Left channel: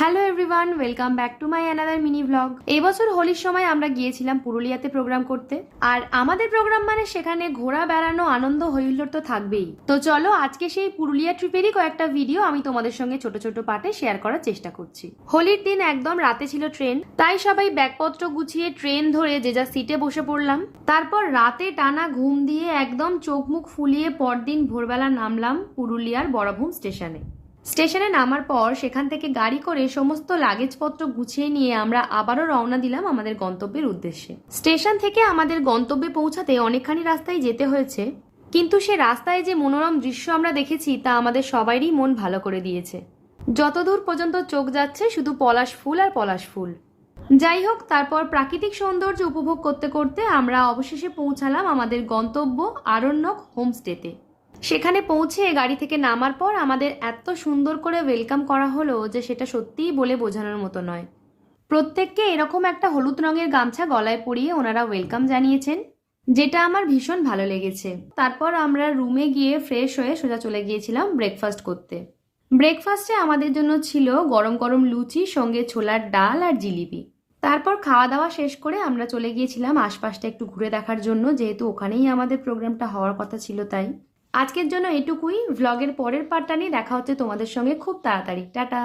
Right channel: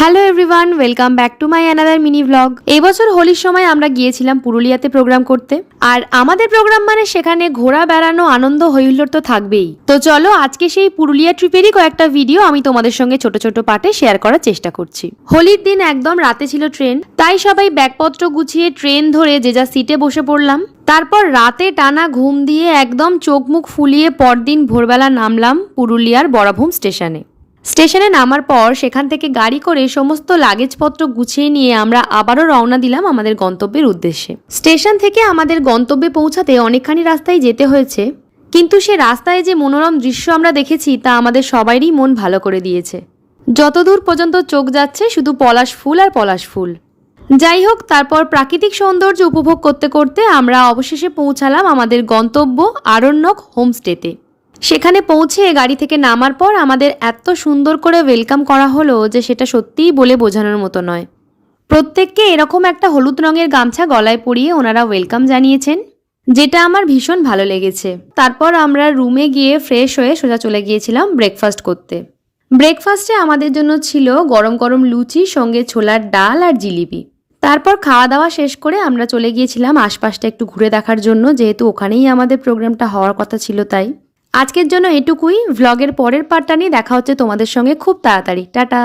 Hello everyone, welcome back to my another mini blog. এই বছর হোলির সময় আমরা গিয়েছিলাম পুরুলিয়াতে প্রোগ্রাম করতে। আর আমাদের প্রোগ্রাম মানে সেখানে ঘোরা বেড়ানো আনন্দ হইহুল্লোড় তো থাকবেই। তো চলো আজকে সেই পুরুলিয়া ট্রিপেরই কয়েকটা ভিডিও আমি তোমাদের সঙ্গে ছোট ছোট পার্টে শেয়ার করার চেষ্টা করছি। হোলির দিন একদম রাতে ছিল ট্রেন, তাই সবাই ব্যাগপত্র গুছিয়ে ট্রেন ধরে যে যা সিটে বসে পড়লাম। তারপর রাতে টানা ঘুম দিয়ে একদম চোখ মুখ ফুলিয়ে পরদিন ভোরবেলা নামলাম পুরুলিয়ার বড়াভূম স্টেশনে। স্টেশনে নামার পর সেখান থেকে গাড়ি করে সমস্ত লাগেজপত্র গুছিয়ে নিয়ে আমরা আবারও রওনা দিলাম আমাদের গন্তব্যের উদ্দেশ্যে। স্টেশন থেকে আমাদের গন্তব্যে পৌঁছাতে অনেকখানি রাস্তায় যেতে হয়েছে, কিন্তু সে রাস্তায় যে মনোরম দৃশ্য আমরা দেখেছি তা আমাদের সবারই মন ভালো করে দিয়েছে। যতদূর পর্যন্ত চোখ যাচ্ছে শুধু পলাশ ফুল আর পলাশ ফুল। যাই হোক, তারপর প্রাকৃতিক সৌন্দর্য উপভোগ করতে করতে আমরা অবশেষে পৌঁছালাম আমাদের গন্তব্য আরণ্যক হোমস্টেতে। সেখানে পৌঁছে গাড়ি থেকে নামার পর আমাদের এত সুন্দর করে ওয়েলকাম করা হলো যে সেটা সত্যিই বলে বোঝানোর মতো নয়। প্রত্যেককে এরকম একটা হলুদ রঙের গামছা গলায় পরিয়ে ওনারা ওয়েলকাম জানিয়েছেন, যেটা আমার ভীষণ ভালো লেগেছে। তারপর আমরা রুমে গিয়ে ফ্রেশ হয়ে সোজা চলে গিয়েছিলাম ব্রেকফাস্ট করতে। ব্রেকফাস্টে আমাদের জন্য ছিল গরম গরম লুচি, সঙ্গে ছোলার ডাল আর জিলিপি। তারপর খাওয়া দাওয়া শেষ করে আমরা চলে গিয়েছিলাম আশপাশটা একটু ঘুরে দেখার জন্য, যেহেতু ওখানেই আমাদের প্রোগ্রামটা হওয়ার কথা ছিল। তাই আজকের জন্য এটুকুই। ভ্লগের পরের পার্টটা নিয়ে দেখা হচ্ছে তোমাদের সঙ্গে খুব তাড়াতাড়ি। টাটা।